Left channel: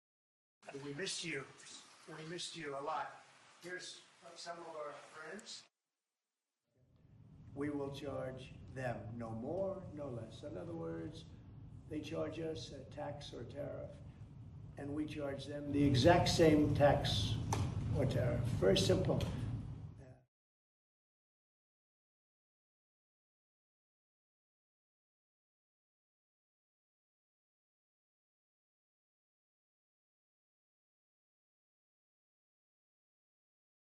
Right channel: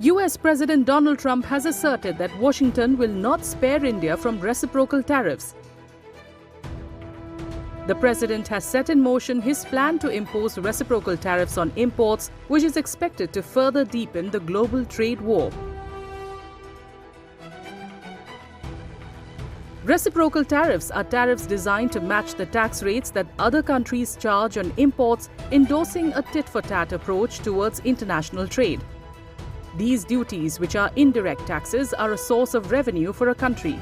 US President Donald Trump has asserted that Washington will not spare India from reciprocal tariffs. The president has set in motion his plan to impose reciprocal tariffs on imports, which is expected to further deepen the global trade war. The exact same tax or tariff. Very simple. Reciprocal tariffs are tariffs designed to match the tax rates that other countries charge on imports, endorsing a tit-for-tat approach towards international trade. These duties, which are indirect taxes, are a source of revenue for a country.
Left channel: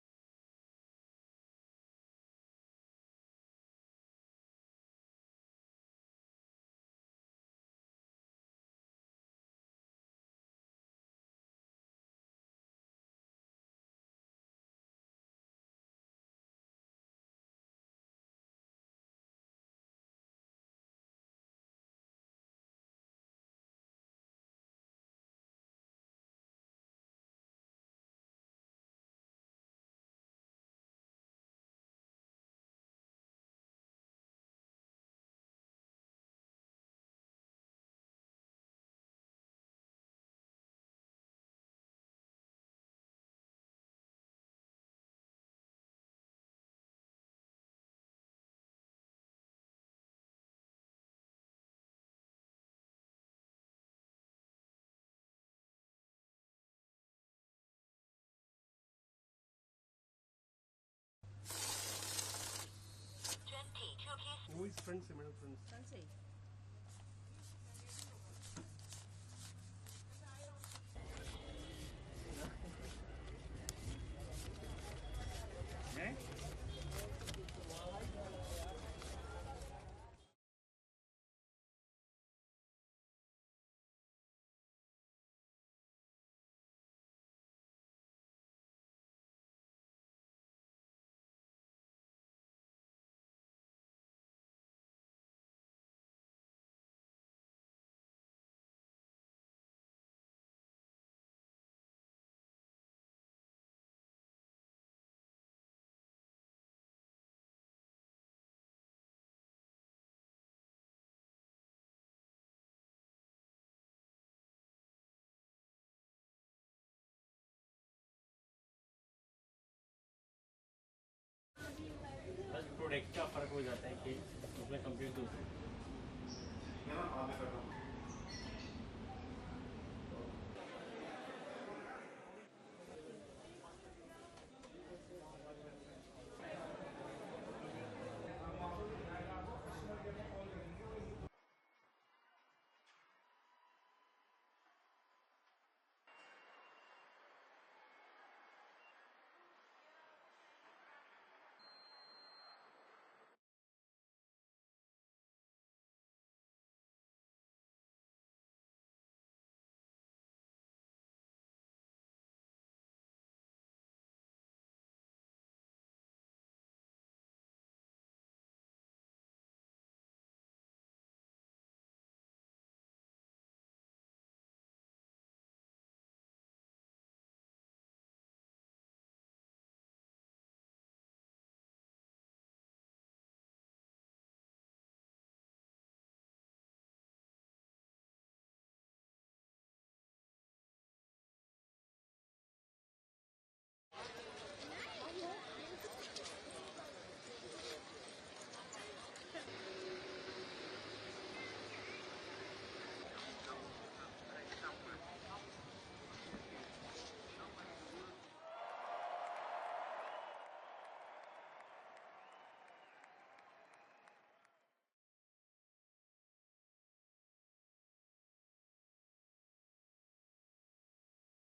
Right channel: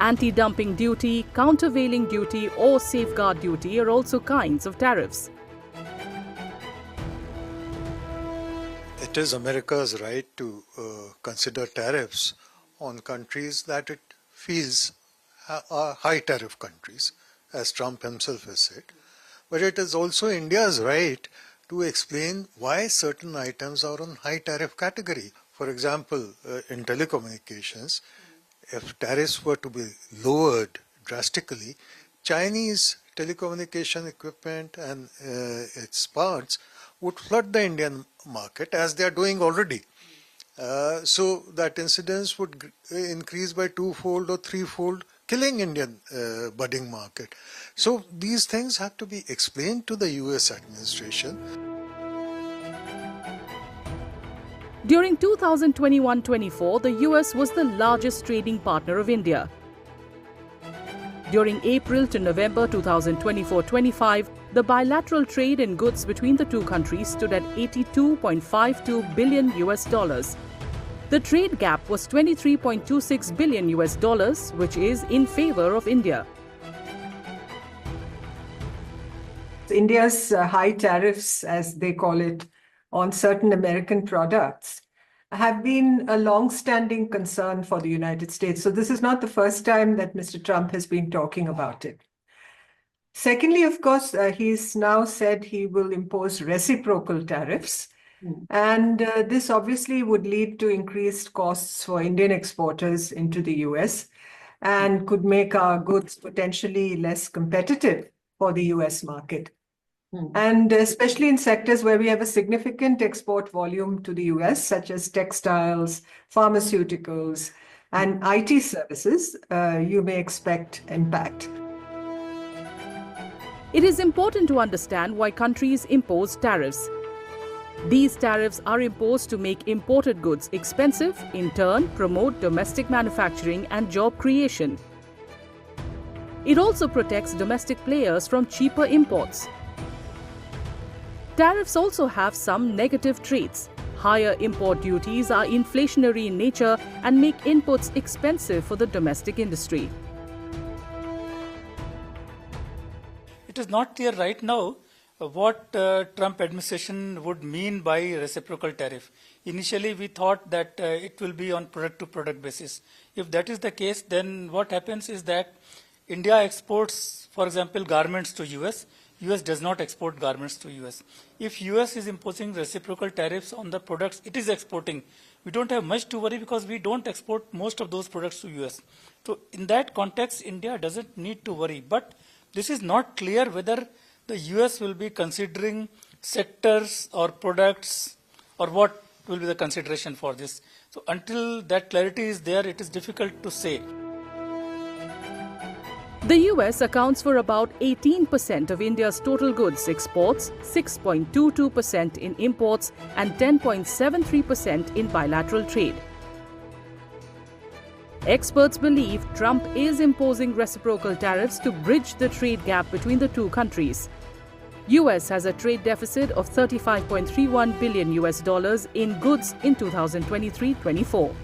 Anti-dumping duty, countervailing duty or safeguard duty are also kinds of tariffs. It is America's right to consider tariffs on countries that it feels are high tariff countries, as Trump himself has said. But it is also India's right to explain why certain items are on high tariff category. For example, in telecommunications, if tariffs were to be lowered drastically, Chinese telecommunication equipment and its parts would flood the Indian market, as they are doing already. So that incidence would increase by twofold or threefold, killing Indian budding market. So these things have to be explained to the US administration. During 2021-24, the US was the largest trading partner of India. During April to November 2024-25, the bilateral trade in goods between the two countries stood at $82.52 billion. The trade gap was $23.26 billion, which is in favor of India. India's high tariffs, as they call it, on certain American products have been a long-standing concern for the United States. So this is not the first time that Mr. Trump has been talking about it. Secondly, of course, he's now said he will impose reciprocal tariffs. And this obviously would lead to increased costs for Indian exporters into the US and could make our goods potentially less competitive for the US market. And especially in sectors where we have a significant export volume to the US, such as textiles, pharmaceuticals, and IT services, you may expect impact. It is important to understand why countries impose tariffs. These tariffs are imposed to make imported goods expensive, in turn promote domestic manufacturing and job creation. It also protects domestic players from cheaper imports. Tariffs also have some negative traits. Higher import duties are inflationary in nature and make inputs expensive for the domestic industry. It is not clear right now what Trump administration would mean by reciprocal tariff. Initially, we thought that it will be on product-to-product basis. If that is the case, then what happens is that India exports, for example, garments to US. US does not export garments to US. If US is imposing reciprocal tariffs on the products it is exporting, we don't have much to worry because we don't export most of those products to US. So in that context, India doesn't need to worry. But this is not clear whether the US will be considering sectors or products or what will be the consideration for this. So until that clarity is there, it is difficult to say. The US accounts for about 18% of India's total goods exports, 6.22% in imports, and 10.73% in bilateral trade. Experts believe Trump is imposing reciprocal tariffs to bridge the trade gap between the two countries. US has a trade deficit of $35.31 billion in goods in 2023-24.